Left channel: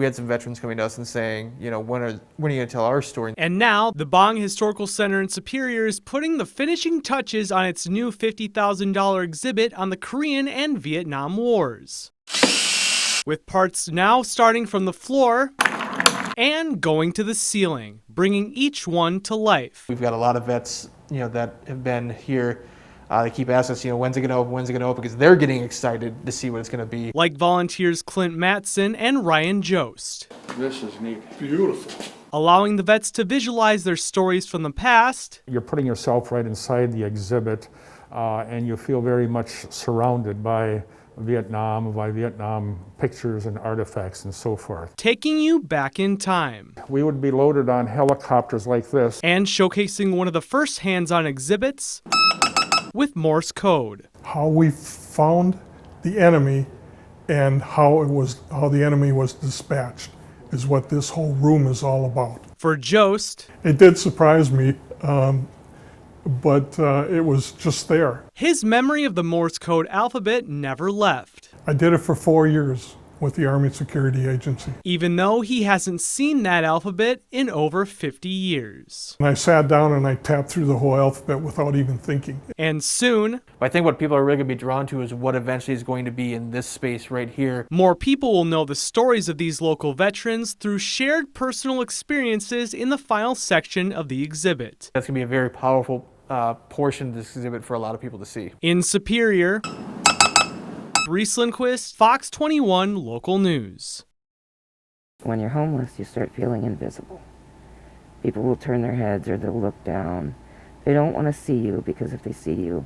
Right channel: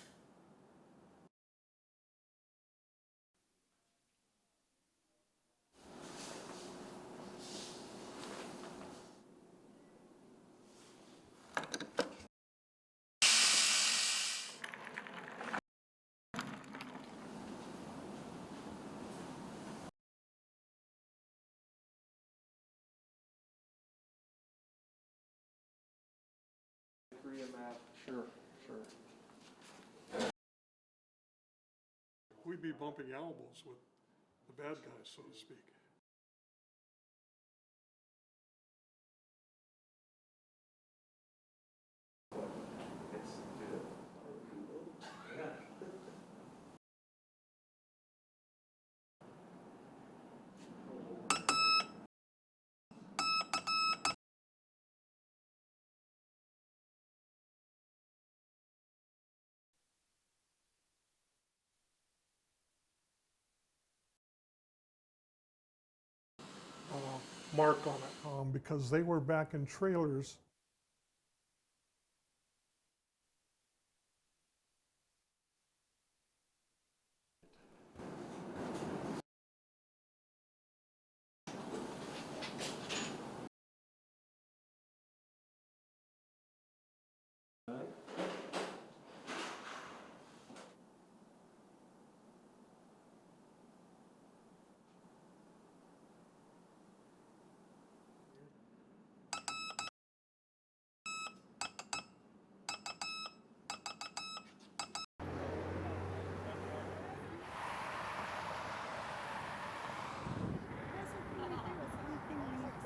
We had some veterans coming to us and saying, you know, when are you going to tell our story? And now, the Bong Historical Center in Superior is putting the finishing touches on its new $50,000 exhibit on the Korean and Vietnam Wars. With parts now starting from the floor and going to the ceiling, bringing each one to life. We've got a lot of vets, you know, that have been here. They keep asking us, you know, when's it going to open, when's it going to open, because they're getting excited to see what it's going to be. Like volunteers Clint Matson and Ryan Jost. This is neat. Beautiful. Allowing the vets to visualize their stories from the past. You're putting yourself right inside the exhibit, and you feel very much surrounded by Vietnam pictures and artifacts and so forth. Taking you back in time. We would be loaded on helicopters like this. And showcasing one of the first hands-on exhibits with Morse code. How we found the enemy and how the enemy was dispatched is what this whole room is all about. For Jost, it did surprise me, but it was just there. His memory of the Morse code alphabet never left. I did it for 4 years with the Army Security Agency. Even though he hasn't seen that alphabet in over 50 years. And I sat down and I tapped through the whole alphabet without even thinking. And soon, I think what people are really going to be drawn to is what eventually is going to be in this space right here. More people will know the stories of these local veterans through shared personal experiences in the final section of the exhibit. That's going to be a very powerful portion of this exhibit for a lot of people to see. In Superior, Reese Lindquist, Fox 21 Local News. When you're homeless, you start feeling invisible. People will turn their heads or they'll look down. They don't want to see you because if they see you,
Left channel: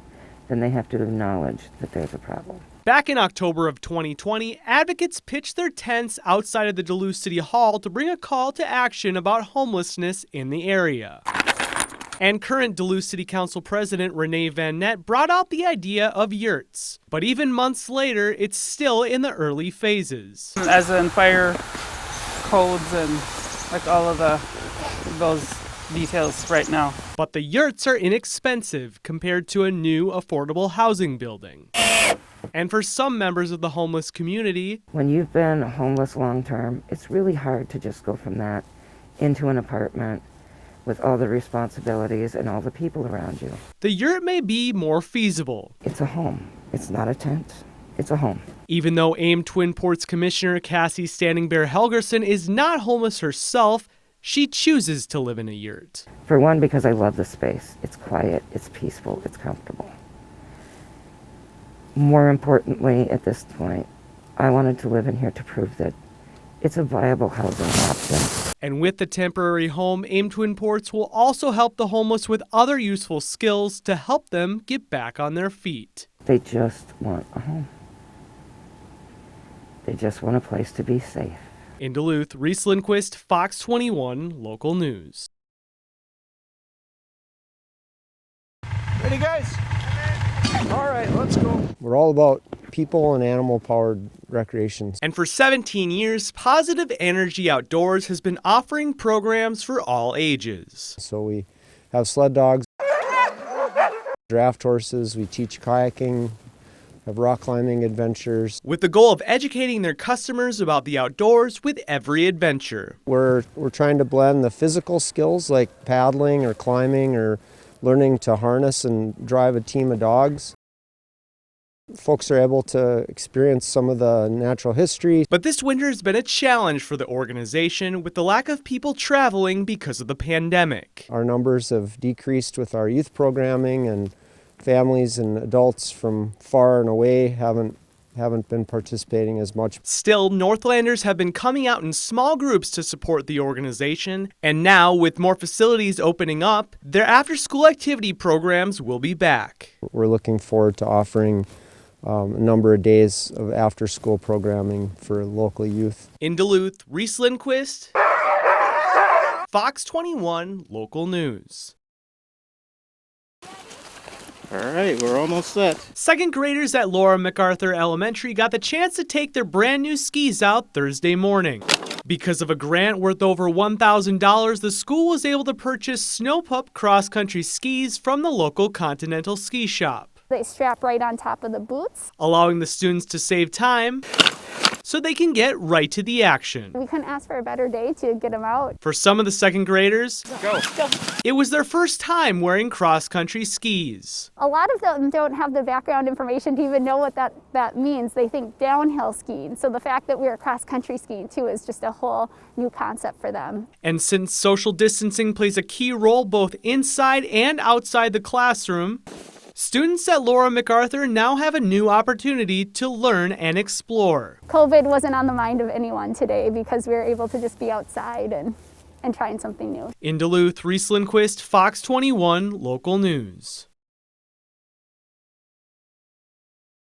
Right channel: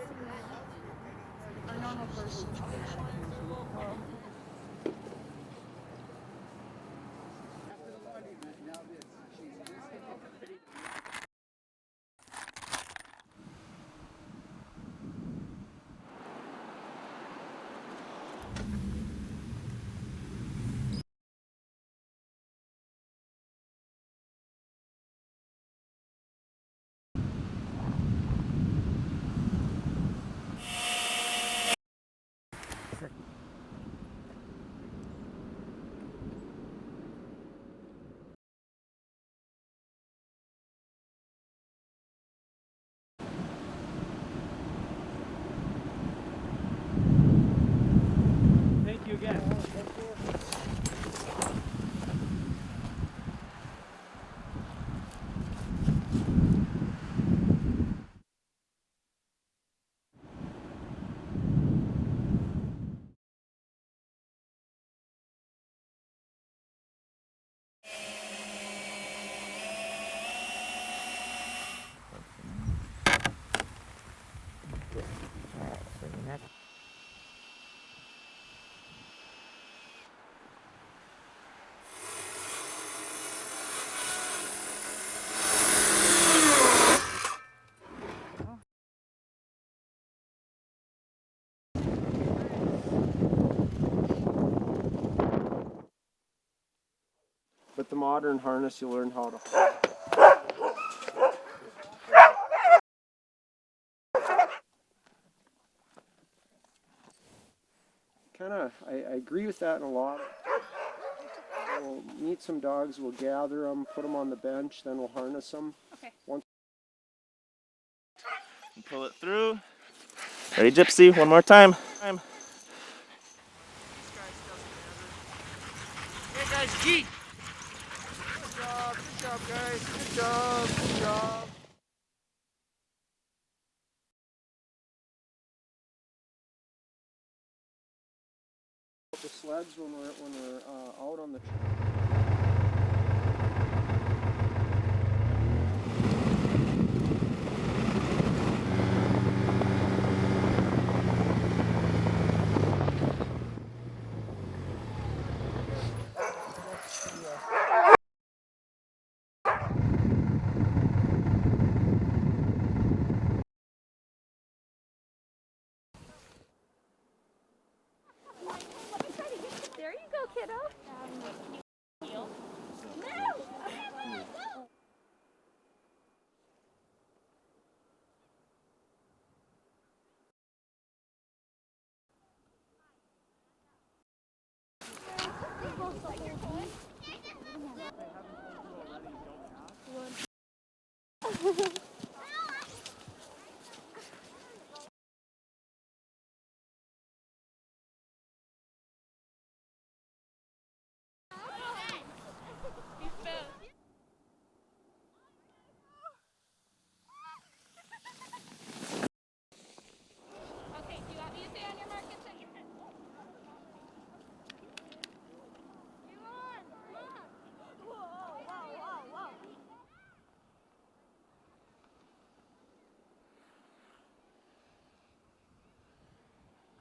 then they have to acknowledge that there's a problem. Back in October of 2020, advocates pitched their tents outside of the Duluth City Hall to bring a call to action about homelessness in the area. And current Duluth City Council President Renee Van Nett brought out the idea of yurts. But even months later, it's still in the early phases. As in fire codes and like all of those details right now. But the yurts are inexpensive compared to a new affordable housing building. And for some members of the homeless community, when you've been homeless long term, it's really hard to just go from that into an apartment with all the responsibilities and all the people around you. The yurt may be more feasible. It's a home. It's not a tent. It's a home. Even though AIM Twin Ports Commissioner Cassie Standing Bear Helgerson is not homeless herself, she chooses to live in a yurt. For one, because I love the space. It's quiet, it's peaceful, it's comfortable. More importantly, at this point, I wanted to live in here to prove that it's a viable housing option. And with the temporary home, AIM Twin Ports will also help the homeless with other useful skills to help them get back on their feet. They just want a home. They just want a place to be safe. In Duluth, Reese Lindquist, Fox 21 Local News. Ready, guys? All right, let's go. We're all about people and animal-powered recreation. And for 17 years, Positive Energy Outdoors has been offering programs for all ages. So we have sled dogs, draft horses, we teach kayaking, have rock climbing adventures. With the goal of educating their customers about the outdoors with every adventure. We're trying to blend the physical skills like paddling or climbing or learning to harness and drive a team of dogs. Ready, Gypsy? One more time. Folks are able to experience some of the natural history. But this winter has been a challenge for the organization with the lack of people traveling because of the pandemic. Our numbers have decreased with our youth programming, and families and adults from far and away haven't been participating as much. Still, Northlanders have been coming out in small groups to support the organization, and now with more facilities opening up, their after-school activity programs will be back. We're looking forward to offering a number of days of after-school programming for local youth. In Duluth, Reese Lindquist, Fox 21 Local News. All right, we're almost set. Second graders at Laura MacArthur Elementary got the chance to take their brand new skis out Thursday morning. Because of a grant worth over $1,000, the school was able to purchase Snow Pup cross-country skis from the local Continental Ski Shop. They strap right on top of the boots. allowing the students to save time so they can get right to the action. We couldn't ask for a better day to get them out. For some of the second graders, it was their first time wearing cross-country skis. A lot of them don't have the background information to even know what that means. They think downhill skiing. So the fact that we're cross-country skiing too is just a whole new concept for them. And since social distancing plays a key role both inside and outside the classroom, students at Laura MacArthur now have a new opportunity to learn and explore. COVID wasn't on the mind of anyone today because we were able to just be outside and trying something new. In Duluth, Reese Lindquist, Fox 21 Local News.